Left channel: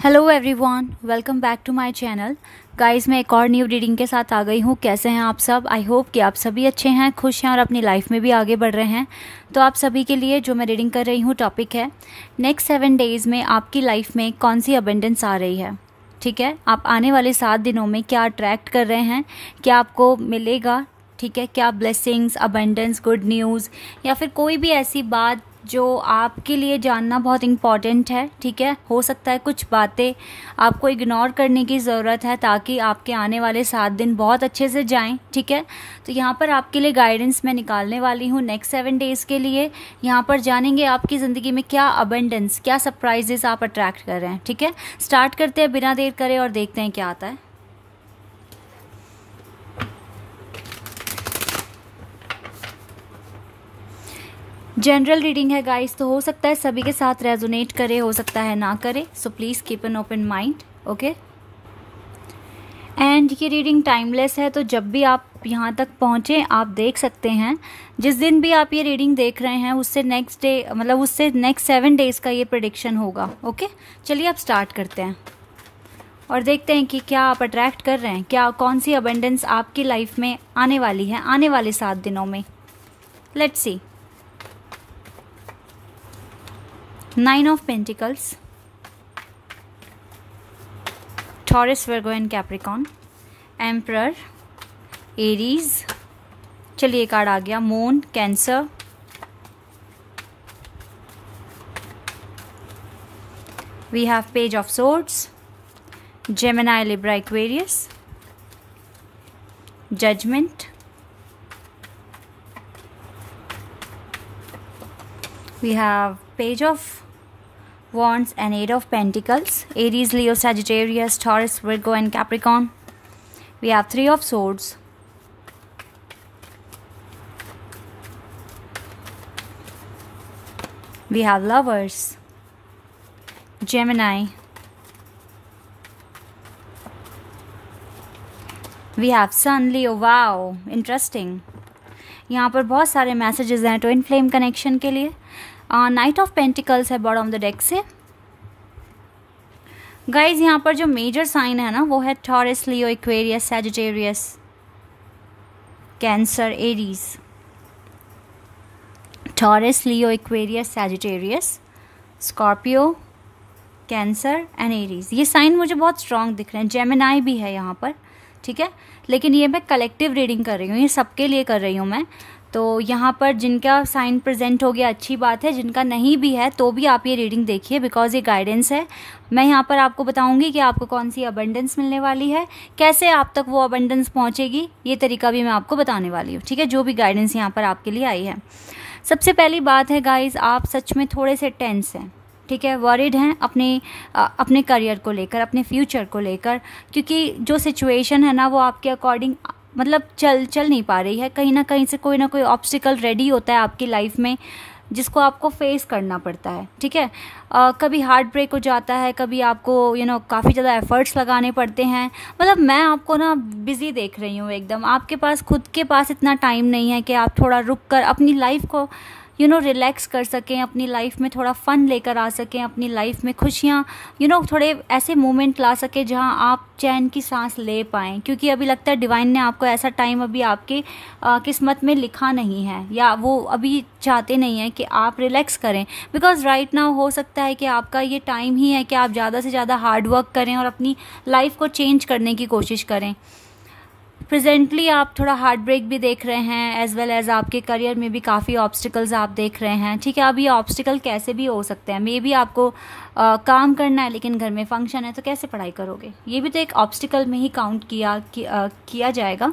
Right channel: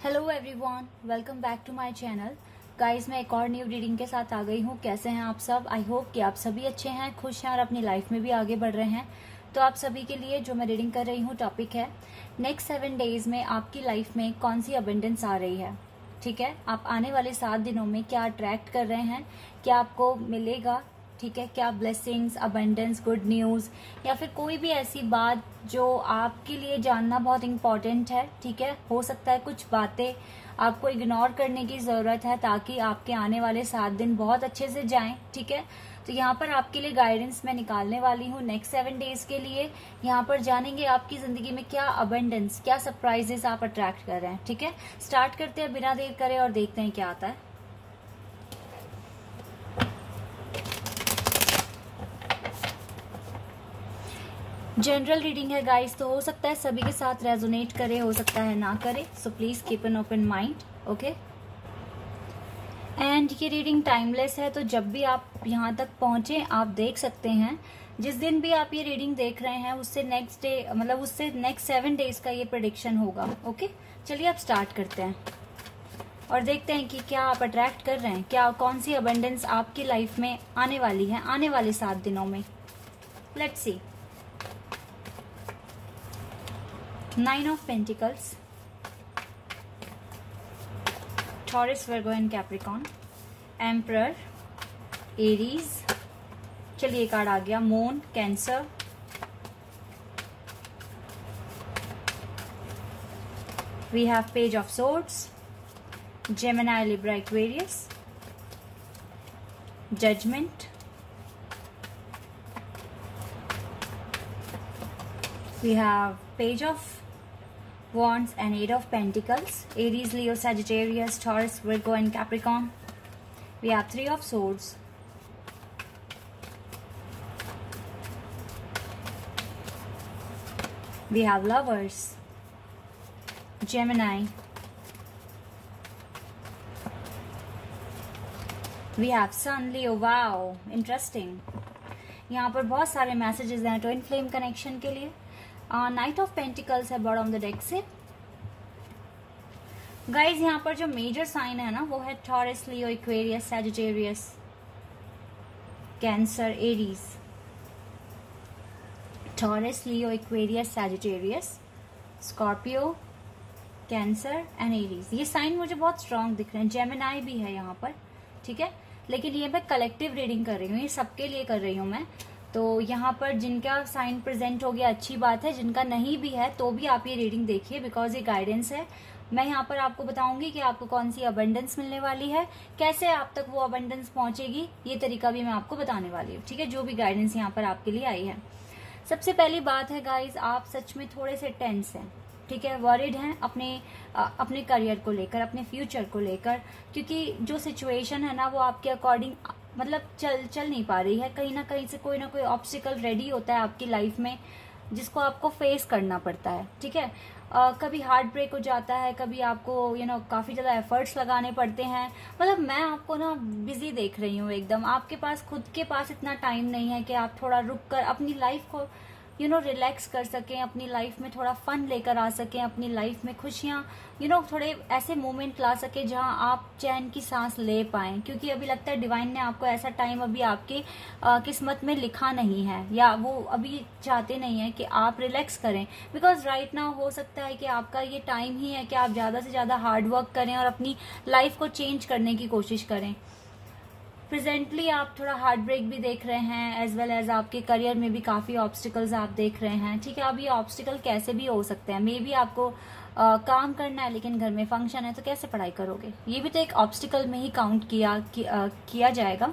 Hello everyone, welcome back to my channel. Guys, मैं एक और न्यू रीडिंग के साथ आ गई हूँ। कैसे हैं आप सब? आई होप कि आप सभी अच्छे हैं, खुश हैं और अपनी लाइफ में भी आगे बढ़ रहे हैं। तो आप सभी के लिए जो मैं रीडिंग कर रही हूँ टॉपिक है, नेक्स्ट 7 डेज़ में आपकी लाइफ में कौन सी अबंडेंस आ रही है। ठीक है, आप आने वाले 7 दिनों में क्या अट्रैक्ट कर रहे हैं, क्या आपको मिलेगा। ठीक है, क्या ब्लेसिंग्स, अबंडेंस, गुड न्यूज़ या फिर कोई भी ऐसी बात जो आपके लिए जानना बहुत इम्पॉर्टेंट है। ठीक है, हो सकता है कुछ बातें आपको इग्नोर करने की ज़रूरत है ताकि आपके आने वाले 7 दिन बहुत अच्छे से जाएं। ठीक है, तो यहाँ पर आपके लिए गाइडेंस मैं निकालने वाली हूँ नेक्स्ट 7 डेज़ के लिए। यहाँ पर जानेंगे आपकी ज़िंदगी में क्या अबंडेंस, क्या सरप्राइजेस आप अट्रैक्ट कर रहे हैं। ठीक है, स्टार्ट करते हैं बिना देर करे और देखते हैं क्या आता है। जनरल रीडिंग है गाइस, तो हो सकता है सभी के साथ रेजोनेट करे, हो सकता है ना करे। So please keep an open mind. Okay, and ये रीडिंग टाइमलेस है, तो जब भी आप यहाँ तक पहुँचे आप देख सकते हैं। जिस दिन भी आप ये रीडिंग देख रहे हैं उससे नेक्स्ट डे, मतलब उससे नेक्स्ट 7 डेज़ का ये प्रेडिक्शन होगा। ओके, चलिए आप स्टार्ट करते हैं और देखते हैं कि क्या आप अट्रैक्ट कर रहे हैं, क्या कौन सी अबंडेंस आपकी लाइफ में आने वाली है आने वाले 7 दिनों में। Let's see. 9 of Pentacles, Taurus, Virgo and Capricorn, Emperor, Aries, चलिए कार्ड आ गया, moon, cancer, we have Page of Swords, Gemini, Libra, Aquarius, Judgment, we have Page of Wands and 8 of Pentacles, Aries, Leo, Sagittarius, Taurus, Virgo and Capricorn. We have 3 of Swords, we have Lovers, Gemini, we have Sun, Leo. Wow, interesting. यहाँ पर बहुत सारे messages हैं twin flame connection के लिए। Night of pentacles है bottom the deck से। Guys, यहाँ पर जो मेजर साइन है ना वो है taurus, Leo, Aquarius, Sagittarius, cancer, Aries. Taurus, Leo, Aquarius, Sagittarius, Scorpio, cancer and Aries. ये साइन मुझे बहुत स्ट्रांग दिख रहे हैं। जेमिनाई भी है यहाँ पर। ठीक है, लेकिन ये मैं कलेक्टिव रीडिंग कर रही हूँ, ये सबके लिए कर रही हूँ मैं। तो यहाँ पर जिनका साइन प्रेजेंट हो गया अच्छी बात है, जिनका नहीं भी है तो भी आप ये रीडिंग देखिए, बिकॉज ये गाइडेंस है। मैं यहाँ पर आपको बताऊँगी कि आपको कौन सी अबंडेंस मिलने वाली है, कैसे आप तक वो अबंडेंस पहुँचेगी, ये तरीका भी मैं आपको बताने वाली हूँ। ठीक है, जो भी गाइडेंस यहाँ पर आपके लिए आई है। सबसे पहली बात है गाइज, आप सच में थोड़े से टेंस हैं। ठीक है, वरीड हैं अपने करियर को लेकर, अपने फ्यूचर को लेकर, क्योंकि जो सिचुएशन है ना वो आपके अकॉर्डिंग मतलब चल नहीं पा रही है। कहीं ना कहीं से कोई ना कोई ऑब्स्टिकल रेडी होता है आपकी लाइफ में जिसको आपको फेस करना पड़ता है। ठीक है, कभी हार्ट ब्रेक हो जाता है, कभी आपको काफ़ी ज़्यादा एफर्ट्स लगाने पड़ते हैं। मतलब मैं आपको ना बिज़ी देख रही हूँ एकदम। आपके पास खुद के पास इतना टाइम नहीं है कि आप थोड़ा रुक कर अपनी लाइफ को रिलैक्स कर सकें, अपनी लाइफ में थोड़ा फ़न लेकर आ सकें, अपनी लाइफ में खुशियाँ थोड़े ऐसे मोमेंट ला सकें जहां आप चैन की सांस ले पाएँ। क्योंकि अभी लगता है डिवाइन ने आपको ऐसा टाइम अभी आपके किस्मत में लिखा नहीं है, या वो अभी चाहते नहीं है कि आप रिलैक्स करें। बिकॉज राइट नाउ हो सकता है कि आपका ये टाइम ही है कि आप ज़्यादा से ज़्यादा हार्ड वर्क करें और अपनी लाइफ को चेंज करने की कोशिश करें। प्रेजेंटली आप थोड़ा हार्ट ब्रेक भी देख रहे हैं, एज वेल एज आपके करियर में भी काफ़ी ऑब्स्टिकल्स आप देख रहे हैं। ठीक है, अब ये ऑब्स्टिकल कैसे भी हो सकते हैं। मे भी आपको काम करना है लेकिन घर में फंक्शन है तो कैसे पढ़ाई करोगे, ये भी तो एक ऑब्स्टिकल में ही काउंट किया जाएगा।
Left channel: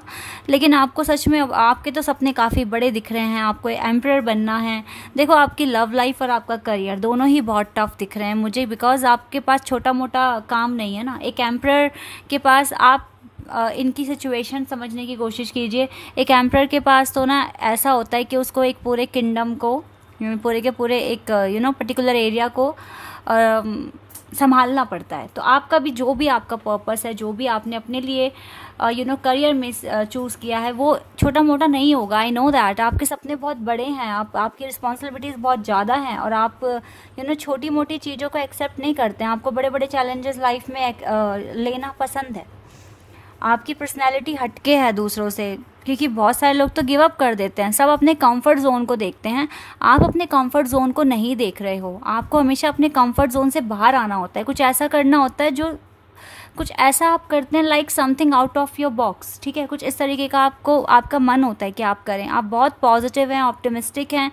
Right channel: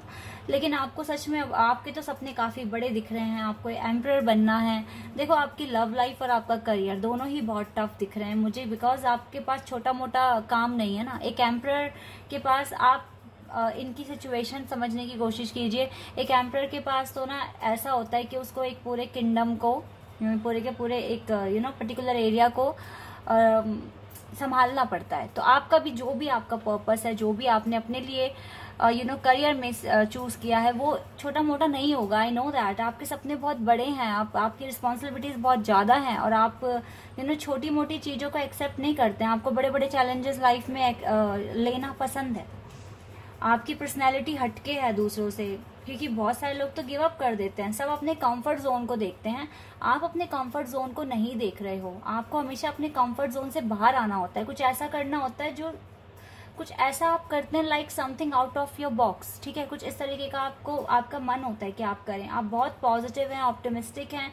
लेकिन आपको सच में आपके तो सपने काफ़ी बड़े दिख रहे हैं, आपको एम्परर बनना है। देखो, आपकी लव लाइफ और आपका करियर दोनों ही बहुत टफ दिख रहे हैं मुझे, बिकॉज आपके पास छोटा मोटा काम नहीं है ना। एक एम्परर के पास आप इनकी सिचुएशन समझने की कोशिश कीजिए। एक एम्परर के पास तो ना ऐसा होता है कि उसको एक पूरे किंगडम को, पूरे के पूरे एक पर्टिकुलर एरिया को संभालना पड़ता है। तो आपका भी जो भी आपका पर्पस है, जो भी आपने अपने लिए करियर में चूज़ किया है, वो छोटा मोटा नहीं होगा। आई नो दैट आपके सपने बहुत बड़े हैं, आपकी रिस्पॉन्सिबिलिटीज़ बहुत ज़्यादा हैं, और आप छोटी मोटी चीज़ों को एक्सेप्ट नहीं करते हैं। आपको बड़े बड़े चैलेंजेस लाइफ में लेना पसंद है। आपकी पर्सनैलिटी हटके है दूसरों से, क्योंकि बहुत सारे लोग तो गिव अप कर देते हैं। सब अपने कंफर्ट जोन को देखते हैं, आप अपने कंफर्ट जोन को नहीं देख रहे हो। आपको हमेशा अपने कंफर्ट जोन से बाहर आना होता है, कुछ ऐसा करना होता है जो कुछ ऐसा आप करते हैं like something out of your box, ठीक है। कुछ इस तरीके का आपका मन होता है कि आप करें। आप बहुत पॉजिटिव हैं, ऑप्टिमिस्टिक हैं।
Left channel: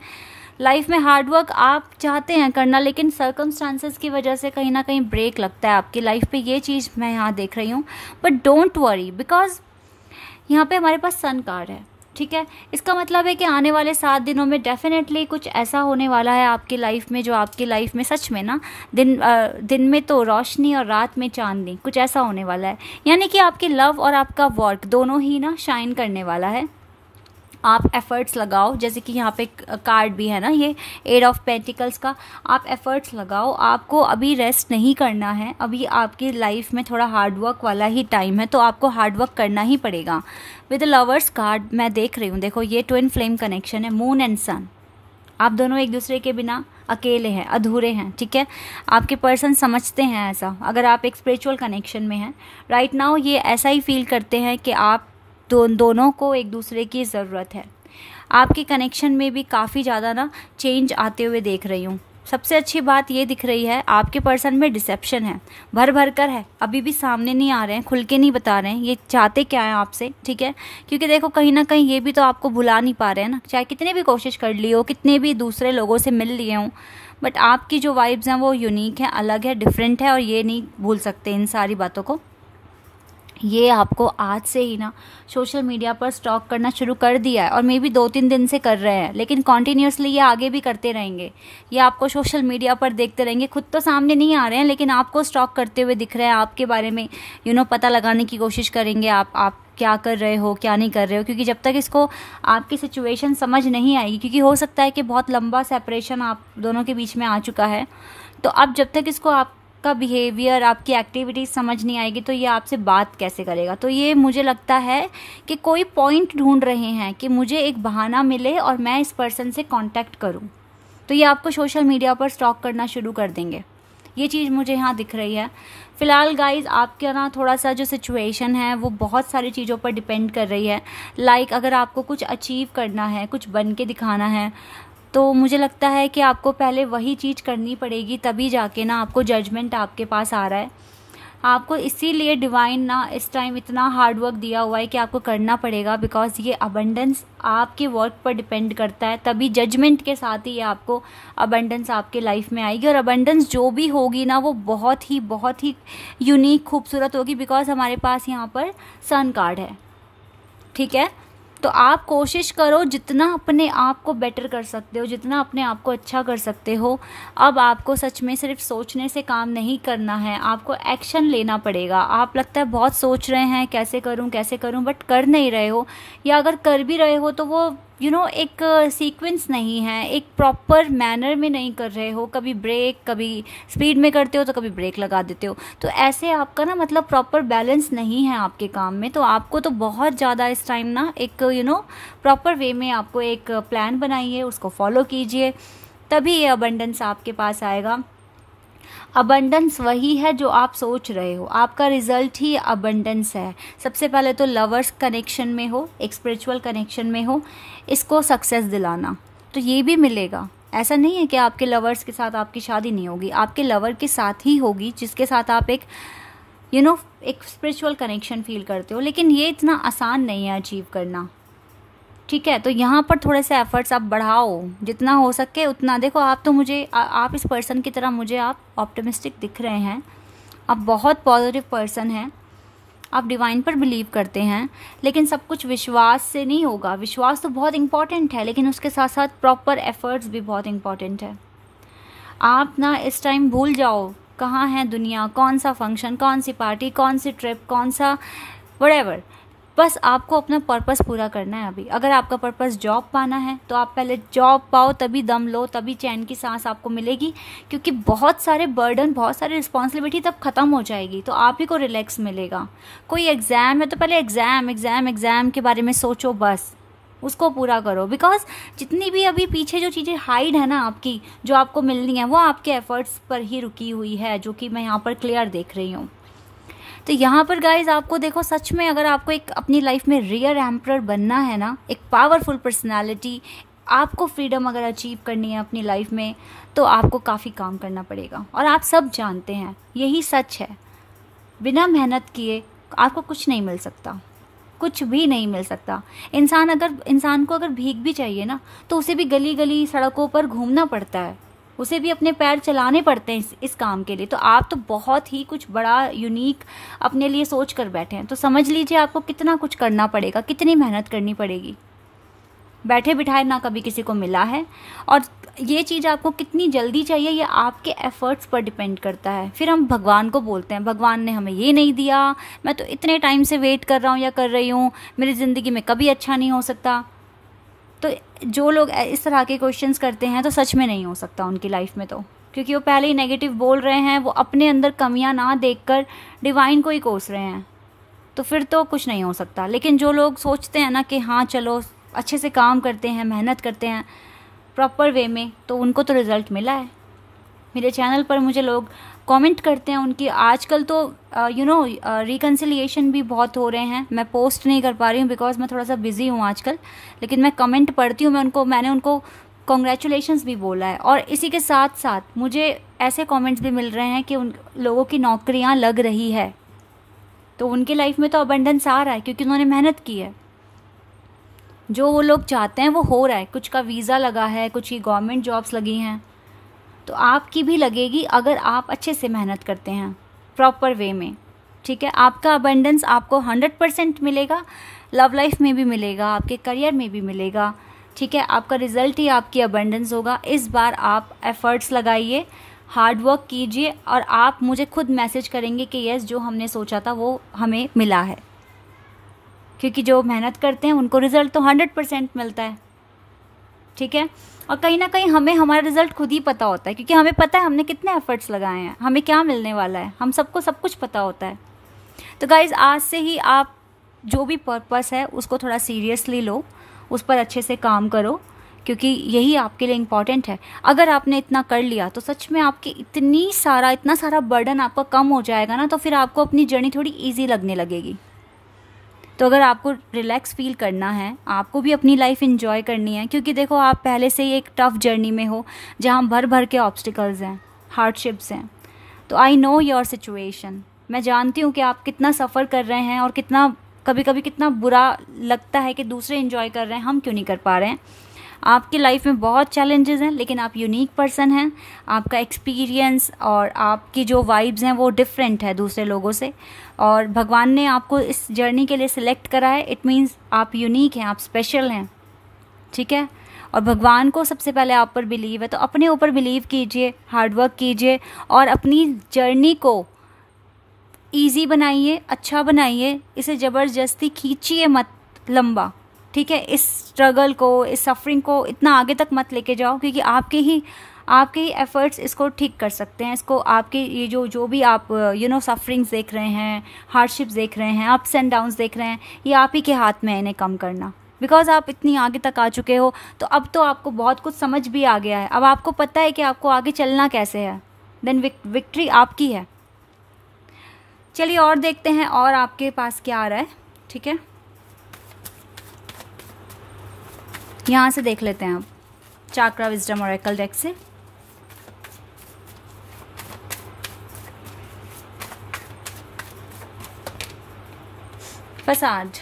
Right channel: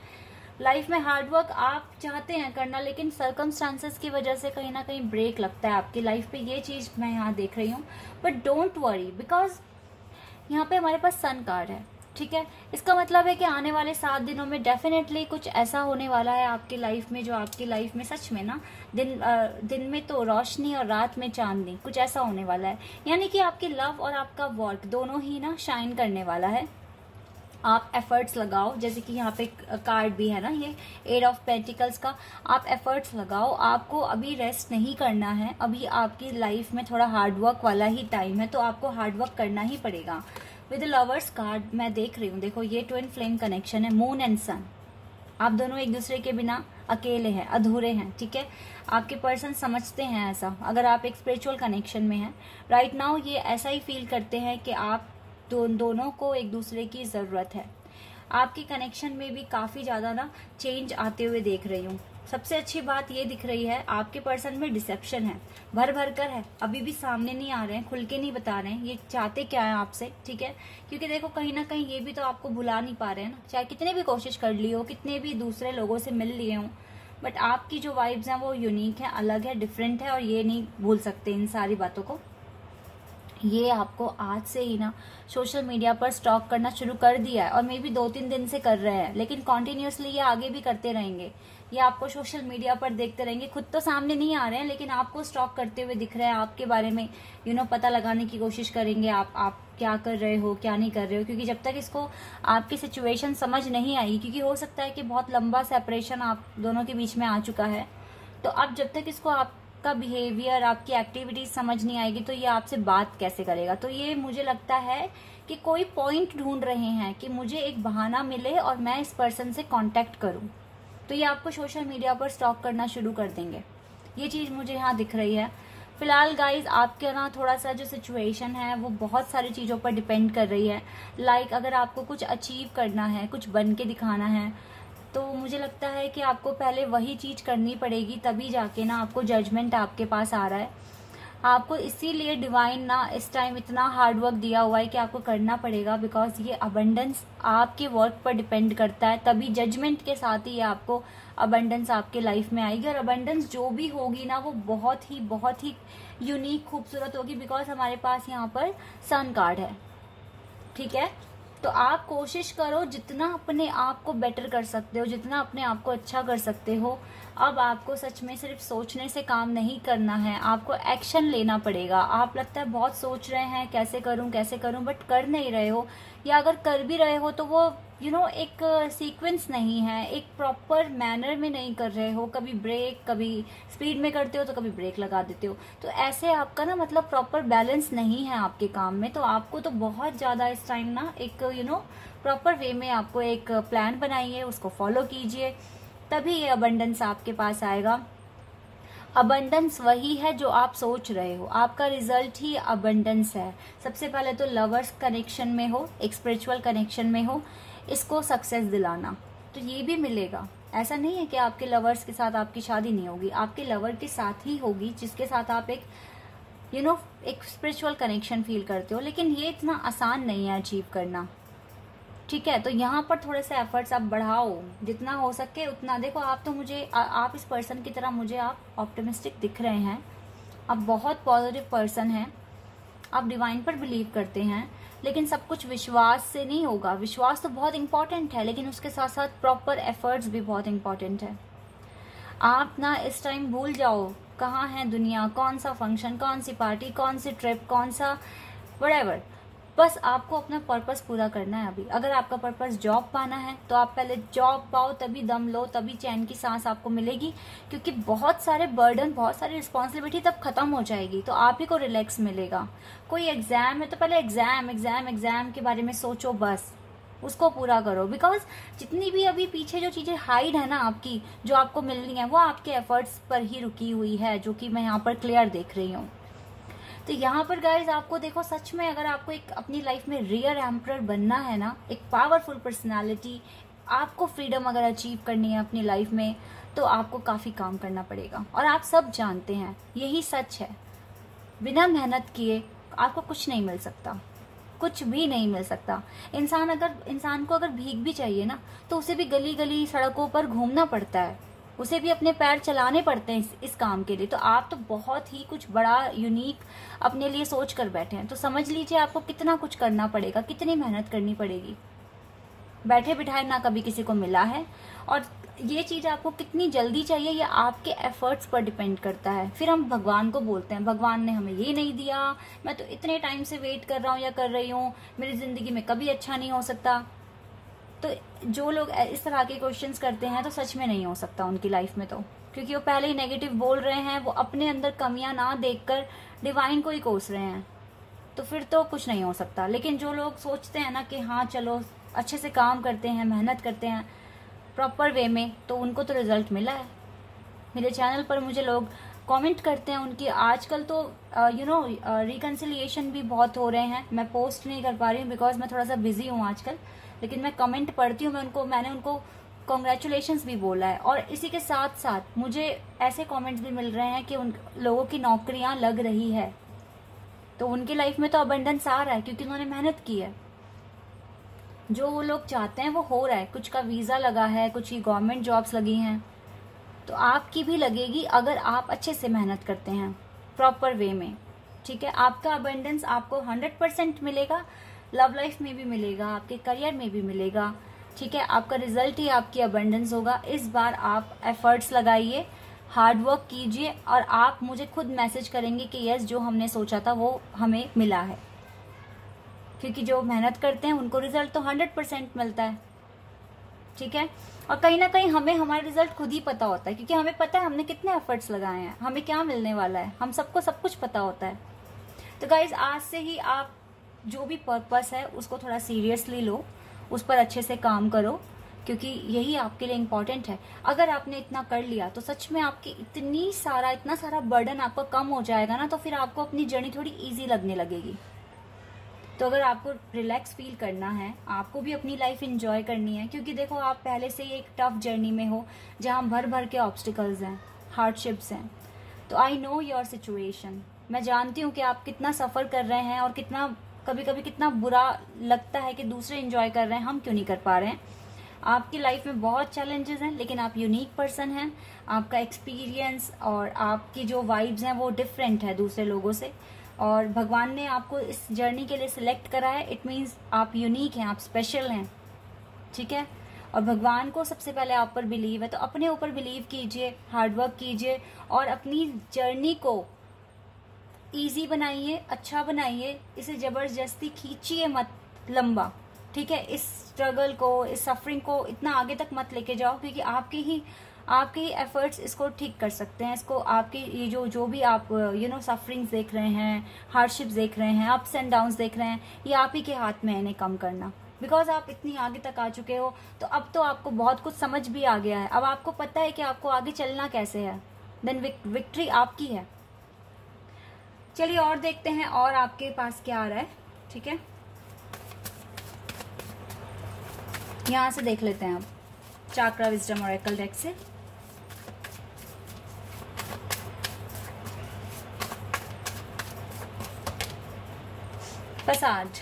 लाइफ में हार्डवर्क आप चाहते हैं करना, लेकिन सर्कमस्टांसेस की वजह से कहीं ना कहीं ब्रेक लगता है आपकी लाइफ पे। ये चीज़ मैं यहाँ देख रही हूँ। बट डोंट वरी, बिकॉज यहाँ पे हमारे पास सन कार्ड है, ठीक है। इसका मतलब है कि आने वाले 7 दिनों में डेफिनेटली कुछ ऐसा होने वाला है आपकी लाइफ में, जो आपकी लाइफ में सच में ना दिन में तो रोशनी और रात में चांदनी, कुछ ऐसा होने वाला है। यानी कि आपकी लव और आपका वर्क दोनों ही ना शाइन करने वाला है। आप एफर्ट्स लगाओ, जैसे कि यहाँ पे कार्ड भी है ना, ये 8 ऑफ पेंटिकल्स का। आप एफर्ट्स लगाओ, आपको अभी रेस्ट नहीं करना है। अभी आपकी लाइफ में थोड़ा हार्डवर्क वाला ही टाइम है, तो आपको हार्डवर्क करना ही पड़ेगा। विद लवर्स कार्ड मैं देख रही हूँ, देखो ये ट्विन फ्लेम कनेक्शन है, मून एंड सन। आप दोनों एक दूसरे के बिना अकेले हैं, अधूरे हैं, ठीक है। आपके पर्सन समझते हैं ऐसा। अगर आप एक स्पिरिचुअल कनेक्शन में हैं राइट नाउ, ये ऐसा ही फील करते हैं कि आप दोनों को एक दूसरे की ज़रूरत है। आपके कनेक्शन में भी काफ़ी ज़्यादा ना चेंज आते हुए देख रही हूँ। सबसे अच्छी बात ये दिख रही है, आपके पर्सन में डिसेप्शन है, भर भर कर है, अभी भी सामने नहीं आ रहे हैं, खुल के नहीं बता रहे हैं ये चाहते क्या है आपसे, ठीक है। क्योंकि देखो कहीं ना कहीं ये भी तो आपको भुला नहीं पा रहे हैं ना, चाहे कितने भी कोशिश कर ली हो, कितने भी दूसरे लोगों से मिल लिए हों, बट आपकी जो वाइब्स हैं वो यूनिक है, अलग है, डिफरेंट है, और ये नहीं भूल सकते इन सारी बातों को। ये आपको आज से ही ना सोशल मीडिया पर स्टॉक करना शुरू कर दिया है, और मे बी 2-3 दिन से कर रहे हैं, लेकिन कॉन्टीन्यूसली ये आगे भी करते रहेंगे। ये आपको सोशल मीडिया पर देखते रहेंगे, खुद तो सामने नहीं आ रहे हैं, लेकिन आपको स्टॉक करते हुए दिख रहे हैं, आपके बारे में पता लगाने की कोशिश करेंगे आप क्या कर रहे हो, क्या नहीं कर रहे हो। क्योंकि जब तक इसको आपकी सिचुएशन समझ नहीं आएगी, क्योंकि हो सकता है कि बहुत लंबा सेपरेशन आप दोनों के बीच में आ चुका है, तो अब जब तक इसको का बिहेवियर, आपकी एक्टिविटीज समझ नहीं आएगी, तो ये आपसे बात कैसे करेगा। तो ये मुझे लगता है कि कोई पॉइंट ढूंढ रहे हैं कि मुझे एक बहाना मिले और मैं इस पर्सन से कांटेक्ट करूं, तो ये आपको सोशल मीडिया पर स्टॉक करना शुरू कर देंगे। ये चीज़ मुझे यहाँ दिख रही है। फिलहाल गाइज आपके ना थोड़ा सा जो सिचुएशन है वो बहुत सारी चीज़ों पर डिपेंड कर रही है। लाइक अगर आपको कुछ अचीव करना है, कुछ बन के दिखाना है, तो मुझे लगता है कि आपको पहले वही चीज़ करनी पड़ेगी, तभी जाके ना आपको जजमेंट आपके पास आ रहा है। आपको इसीलिए डिवाइन ना इस टाइम इतना हार्ड वर्क दिया हुआ है कि आपको करना पड़ेगा, बिकॉज ये अबंडेंस आपके वर्क पर डिपेंड करता है। तभी जजमेंट के साथ ही आपको अबंडेंस आपके लाइफ में आएगी, और अबंडेंस जो भी होगी ना वो बहुत ही यूनिक खूबसूरत होगी, बिकॉज हमारे पास यहाँ पर सन कार्ड है, ठीक है। तो आप कोशिश करो जितना अपने आप को बेटर कर सकते हो, जितना अपने आप को अच्छा कर सकते हो। अब आपको सच में सिर्फ सोचने से काम नहीं करना है, आपको एक्शन लेना पड़ेगा। आप लगता है बहुत सोच रहे हैं कैसे करूं, बट कर नहीं रहे हो, या अगर कर भी रहे हो तो वो एक सीक्वेंस नहीं है, एक प्रॉपर मैनर में नहीं कर रहे हो। कभी ब्रेक, कभी स्पीड में करते हो तो कभी ब्रेक लगा देते हो, तो ऐसे आपका ना मतलब प्रॉपर बैलेंस नहीं है आपके काम में। तो आपको तो बहुत ज़्यादा इस टाइम ना एक प्रॉपर वे में आपको एक प्लान बनाइए, उसको फॉलो कीजिए, तभी ये अबंडेंस आपके पास आएगा। अबंडेंस वही है जो आप सोच रहे हो, आपका रिजल्ट ही अबंडेंस है। सबसे पहले तो लवर्स कनेक्शन में हो, एक स्पिरिचुअल कनेक्शन में हो, इसको सक्सेस दिलाना, तो ये भी मिलेगा। ऐसा नहीं है कि आपके लवर्स के साथ आपकी शादी नहीं होगी, आपके लवर के साथ ही होगी जिसके साथ आप एक एक स्पिरिचुअल कनेक्शन फील करते हो। लेकिन ये इतना आसान नहीं है अचीव करना, ठीक है। तो यहाँ पर थोड़े से एफर्ट्स आप बढ़ाओ, जितना हो सके उतना। देखो आप तो आप इस पर्सन की तरह मुझे आप ऑप्टिमिस्टिक दिख रहे हैं, आप बहुत पॉजिटिव पर्सन हैं, आप डिवाइन पर बिलीव करते हैं, लेकिन सब कुछ विश्वास से नहीं होगा। विश्वास तो बहुत इंपॉर्टेंट है, लेकिन उसके साथ साथ प्रॉपर एफर्ट्स भी बहुत इंपॉर्टेंट है। आप ना इस टाइम भूल जाओ कहाँ है दुनिया, कौन सा फंक्शन, कौन सी पार्टी, कौन सी ट्रिप, कौन सा व्हाटएवर, बस आपको अपना पर्पस पूरा करना है अभी। अगर आपका पर्पस जॉब पाना है तो आप पहले जॉब पाओ, तभी दम लो, तभी चैन की सांस आपको मिलेगी, क्योंकि बहुत सारे बर्डन, बहुत सारी रिस्पॉन्सिबिलिटी तब खत्म हो जाएगी, तो आप ही को रिलैक्स मिलेगा। कोई एग्ज़ाम है तो पहले एग्ज़ाम के बारे में सोचो, बस उसको पूरा करो। बिकॉज जितनी भी अभी पीछे जो चीज़ें हाइड है ना आपकी, जो आपको मिलनी है, वो आपके एफर्ट्स पर ही रुकी हुई है, जो कि मैं यहाँ पर क्लियर देख रही हूँ। तो यहाँ पर गाइज आपको देखो, सच में अगर आपको एक अपनी लाइफ में रियल एम्परर बनना है ना, एक पावरफुल पर्सनालिटी, आपको फ्रीडम अगर अचीव करनी है अपनी लाइफ में, तो आपको काफ़ी काम करना पड़ेगा। और आप सब जानते हैं, यही सच है, बिना मेहनत किए आपको कुछ नहीं मिल सकता, कुछ भी नहीं मिल सकता। इंसान को अगर भीख भी चाहिए ना, तो उसे भी गली गली सड़कों पर घूमना पड़ता है, उसे भी अपने पैर चलाने पड़ते हैं इस काम के लिए। तो आप तो बहुत ही कुछ बड़ा यूनिक अपने लिए सोच कर बैठे हैं, तो समझ लीजिए आपको कितना कुछ करना पड़ेगा, कितनी मेहनत करनी पड़ेगी। बैठे बिठाए ना कभी किसी को मिला है, और ये चीज़ आपको कितनी जल्दी चाहिए, ये आपके एफर्ट्स पर डिपेंड करता है। फिर हम भगवान को बोलते हैं, भगवान ने हमें ये नहीं दिया, मैं तो इतने टाइम से वेट कर रहा हूँ या कर रही हूँ, मेरी ज़िंदगी में कभी अच्छा नहीं हो सकता। तो जो लोग इस तरह के क्वेश्चंस करते हैं, तो सच में नहीं हो सकता उनकी लाइफ में, तो क्योंकि वो पहले ही नेगेटिव बोल रहे हैं, वो अपने अंदर कमियां ना देखकर डिवाइन को ही कोस रहे हैं, तो फिर तो कुछ नहीं हो सकता। लेकिन जो लोग सोचते हैं ना कि हाँ चलो अच्छे से काम करते हैं, मेहनत करते हैं प्रॉपर वे में, तो उनको तो रिज़ल्ट मिला है। मेरे चैनल पर मुझे लोग कमेंट करते हैं उनकी, आजकल तो रिकन्सिलिएशन भी बहुत हो रहे हैं। मैं पोस्ट नहीं कर पा रही हूँ बिकॉज मैं थोड़ा सा बिजी हूँ आजकल, लेकिन मैं कमेंट पढ़ती हूँ, मैंने उनको कॉन्ग्रेचुलेशंस भी बोला है। और इसी के साथ साथ मुझे ऐसे कमेंट्स भी मिल रहे हैं कि उन लोगों की नौकरियाँ लग रही है, तो उनकी लाइफ में तो अबंडेंस आ रहा है, क्योंकि उन्होंने मेहनत की है। जो वो लोग चाहते हैं वो हो रहा है, कुछ का वीज़ा लगा है, कुछ ही गवर्नमेंट जॉब्स लगी हैं, तो आपकी भी लगेगी अगर आप अच्छे से मेहनत करते हैं प्रॉपर वे में। ठीक है, आपका अबंडेंस आपको 100% मिलेगा, लव लाइफ में भी मिलेगा, आपके करियर में भी मिलेगा। ठीक है, आपका रिजल्ट ही आपकी अबंडेंस होगा। इस बार आप एफर्ट्स लगाइए, हार्ड वर्क कीजिए, और आप मुझे खुद मैसेज करेंगे कि यस, जो हमने सोचा था वो हमें मिला है, क्योंकि जो मेहनत करते हैं उनको रिजल्ट तो 100% मिलता है। ठीक है, और कहीं ना कहीं हमें हमारा रिजल्ट खुद ही पता होता है, क्योंकि हमें पता है हमने कितने एफर्ट्स लगाए हैं, हमें क्या मिलने वाला है, हम सबको सब कुछ पता होता है। तो गाइज, आज से ही आप जो भी पर्पस है उसको थोड़ा सीरियसली लो, उस पर अच्छे से काम करो, क्योंकि यही आपके लिए इम्पॉर्टेंट है। अगर आपने इतना कर लिया तो सच में आपकी इतना सारा बर्डन आपका कम हो जाएगा ना, तो फिर आपको अपनी जर्नी थोड़ी ईजी लगने लगेगी। तो अगर आपको रिलैक्स फील करना है, आपको भी अपनी लाइफ एंजॉय करनी है, क्योंकि देखो आप पहले से ही एक टफ जर्नी में हो, जहाँ भर भर के ऑब्स्टिकल्स हैं, हार्डशिप्स हैं। तो आई नो योर सिचुएशन, मैं जानती हूँ कि आप कितना सफ़र कर रहे हैं, और कितना कभी कभी कितना बुरा लगता है कि दूसरे एंजॉय कर रहे हैं, हम क्यों नहीं कर पा रहे हैं। आपकी लाइफ में बहुत चैलेंजेस हैं, लेकिन आप यूनिक पर्सन हैं, आपका एक्सपीरियंस और आपकी जो वाइब्स हैं वो डिफरेंट है दूसरे लोगों से, और भगवान ने आपको इस जर्नी के लिए सिलेक्ट करा है। इट मीन्स आप यूनिक हैं, आप स्पेशल हैं। ठीक है, और भगवान को सबसे पहले आप पर बिलीव है, तो अपने ऊपर बिलीव कीजिए, हार्डवर्क कीजिए, और अपनी जर्नी को ईजी बनाइए, अच्छा बनाइए, इसे ज़बरदस्ती खींचिए मत लंबा। ठीक है, इस स्ट्रगल को, इस सफरिंग को इतना आगे तक मत लेके जाओ, क्योंकि आपके ही एफर्ट्स इसको ठीक कर सकते हैं। इसको आपके ये जो भी आप सफरिंग्स देख रहे हैं, हार्डशिप्स देख रहे हैं, अप्स एंड डाउन्स देख रहे हैं, ये आप ही के हाथ में है इन्हें कम करना। बिकॉज आप इतनी आगे तक आ चुके हो, तो अब तो आपको बहुत कुछ समझ भी आ गया है, अब आपको पता है कि आपको आगे चलना कैसे है, देन विक्ट्री आपकी है। चलिए और देखते हैं और आपके पास क्या आ रहा है। ठीक है, यहाँ से देख लेते हैं आप चाक्रा विजडम ओरेकल डेक से। फसाद,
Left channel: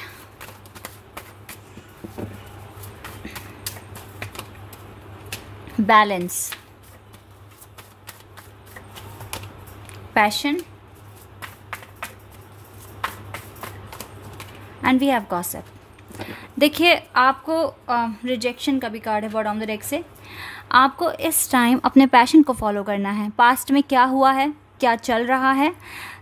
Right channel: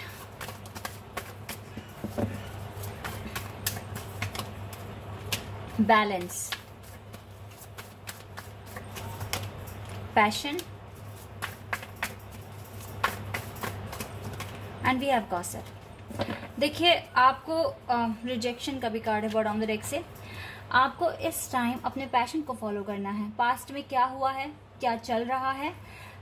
balance, passion, and we have gossip. देखिए, आपको रिजेक्शन का भी कार्ड है बॉटम ऑफ द डेक से। आपको इस टाइम अपने पैशन को फॉलो करना है। पास्ट में क्या हुआ है, क्या चल रहा है,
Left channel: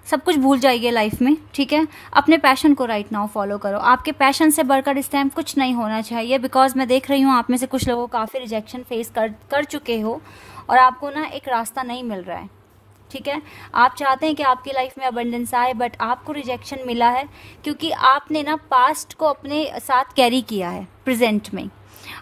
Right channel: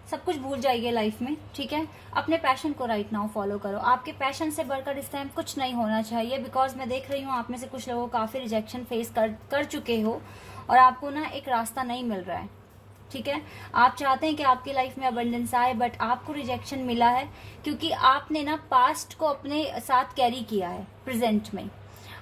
सब कुछ भूल जाइए लाइफ में, ठीक है। अपने पैशन को राइट नाउ फॉलो करो। आपके पैशन से बढ़कर इस टाइम कुछ नहीं होना चाहिए, बिकॉज मैं देख रही हूँ आप में से कुछ लोगों काफ़ी रिजेक्शन फेस कर चुके हो और आपको ना एक रास्ता नहीं मिल रहा है, ठीक है। आप चाहते हैं कि आपकी लाइफ में अबंडेंस आए, बट आपको रिजेक्शन मिला है क्योंकि आपने ना पास्ट को अपने साथ कैरी किया है प्रेजेंट में।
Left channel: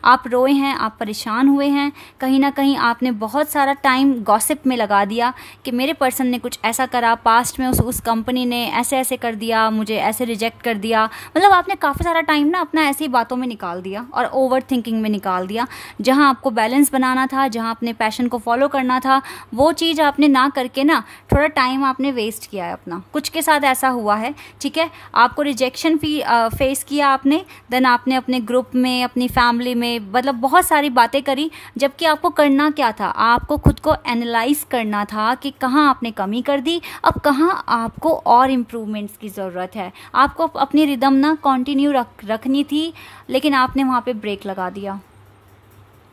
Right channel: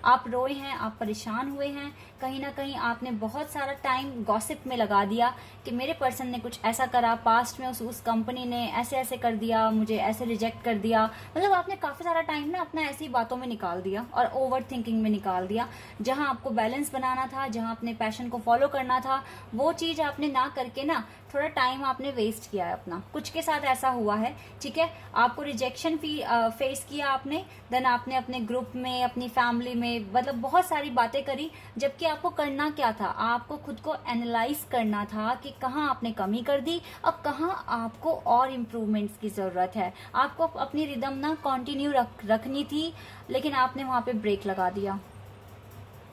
आप रोए हैं, आप परेशान हुए हैं, कहीं ना कहीं आपने बहुत सारा टाइम गॉसिप में लगा दिया कि मेरे पर्सन ने कुछ ऐसा करा पास्ट में, उस कंपनी ने ऐसे ऐसे कर दिया, मुझे ऐसे रिजेक्ट कर दिया। मतलब आपने काफ़ी सारा टाइम ना अपना ऐसी बातों में निकाल दिया और ओवर थिंकिंग में निकाल दिया। जहां आपको बैलेंस बनाना था, जहां अपने पैशन को फॉलो करना था, वो चीज़ आपने ना करके ना थोड़ा टाइम आपने वेस्ट किया है अपना। कुछ के साथ ऐसा हुआ है, ठीक है। आपको रिजेक्शन फेस किया आपने, देन आपने अपने ग्रुप में, अपनी फैमिली में, मतलब बहुत सारी बातें करी, जबकि आपको करना क्या था, आपको खुद को एनालाइज करना था कि कहाँ आपने कमी कर दी, अब कहाँ आपको और इम्प्रूवमेंट्स की ज़रूरत है। आपको अपनी रिदम ना कंटिन्यू रखनी थी, लेकिन आपने वहाँ पे ब्रेक लगा दिया।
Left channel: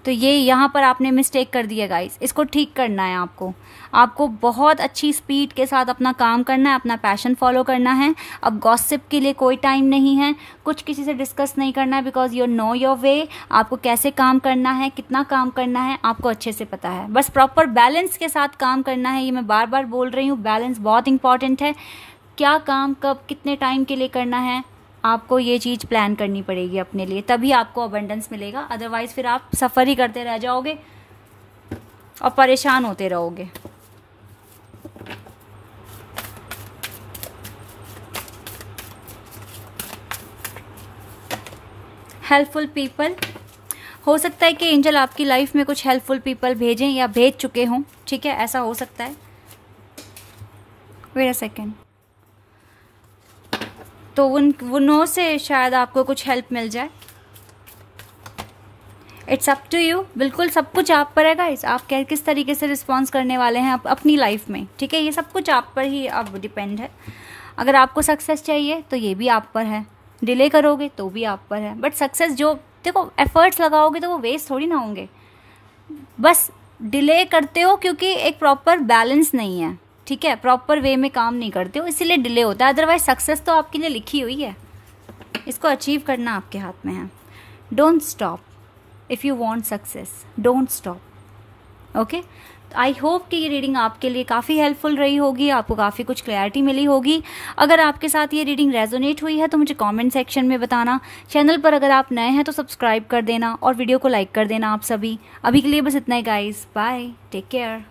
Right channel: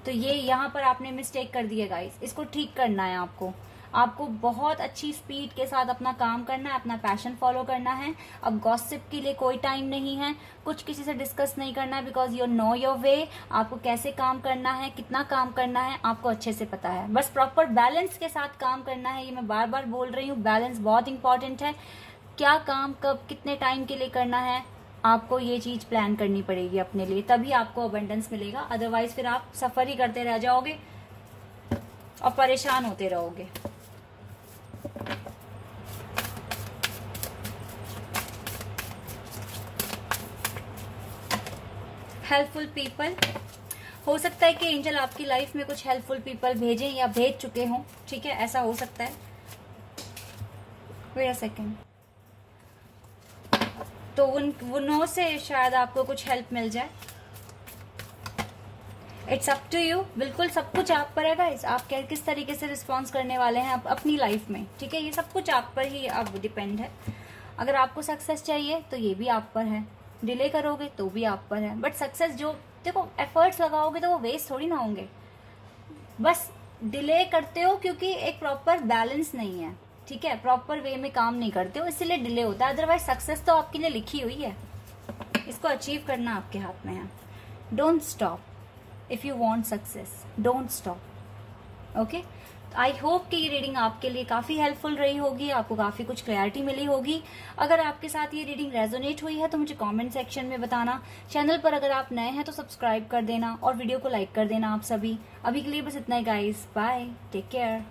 तो ये यहाँ पर आपने मिस्टेक कर दिया गाइस, इसको ठीक करना है आपको बहुत अच्छी स्पीड के साथ अपना काम करना है, अपना पैशन फॉलो करना है। अब गॉसिप के लिए कोई टाइम नहीं है, कुछ किसी से डिस्कस नहीं करना है, because you know your way. आपको कैसे काम करना है, कितना काम करना है, आपको अच्छे से पता है। बस प्रॉपर बैलेंस के साथ काम करना है। ये मैं बार बार बोल रही हूँ, बैलेंस बहुत इंपॉर्टेंट है। क्या काम कब कितने टाइम के लिए करना है, आपको ये चीज़ प्लान करनी पड़ेगी अपने लिए, तभी आपको अबंडेंस मिलेगा। अदरवाइज फिर आप सफ़र ही करते रह जाओगे और परेशान होते रहोगे। हेल्पफुल पीपल, हो सकता है कि एंजल आपकी लाइफ में कुछ हेल्पफुल पीपल भेजें या भेज चुके हों, ठीक है, ऐसा हो सकता है। Wait a second. तो उनों से शायद आपको कुछ हेल्प मिल जाए। इट्स अप टू यू, बिल्कुल सब कुछ आप पर है गाइस। आप किस तरीके से रिस्पॉन्स करने वाले हैं अपनी लाइफ में, ठीक है। ये सब कुछ आप पर ही अब डिपेंड है। अगर आपको सक्सेस चाहिए तो ये भी आप पर है, डिले करोगे तो भी आप पर है। बट सक्सेस जो देखो एफर्ट्स लगाओगे तो वो वेस्ट थोड़ी ना होंगे। बस डिले करते हो क्योंकि एक प्रॉपर बैलेंस नहीं है, ठीक है, प्रॉपर वे में काम नहीं करते हो, इसीलिए डिले होता है। अदरवाइज सक्सेस तो आपके लिए लिखी हुई है, इसको अचीव करना आपके हाथ में है। Don't stop if you want success, don't stop. Okay, I hope कि ये रीडिंग आपके लिए काफ़ी हेल्पफुल रही होगी, आपको काफ़ी कुछ क्लैरिटी मिली होगी। अगर आपके साथ ये रीडिंग रेजोनेट हुई है तो मुझे कमेंट सेक्शन में बताना। चैनल पर अगर आप नए हैं तो सब्सक्राइब कर देना और वीडियो को लाइक कर देना आप सभी। अभी के लिए बस इतना ही गाइस, बाय, टेक केयर।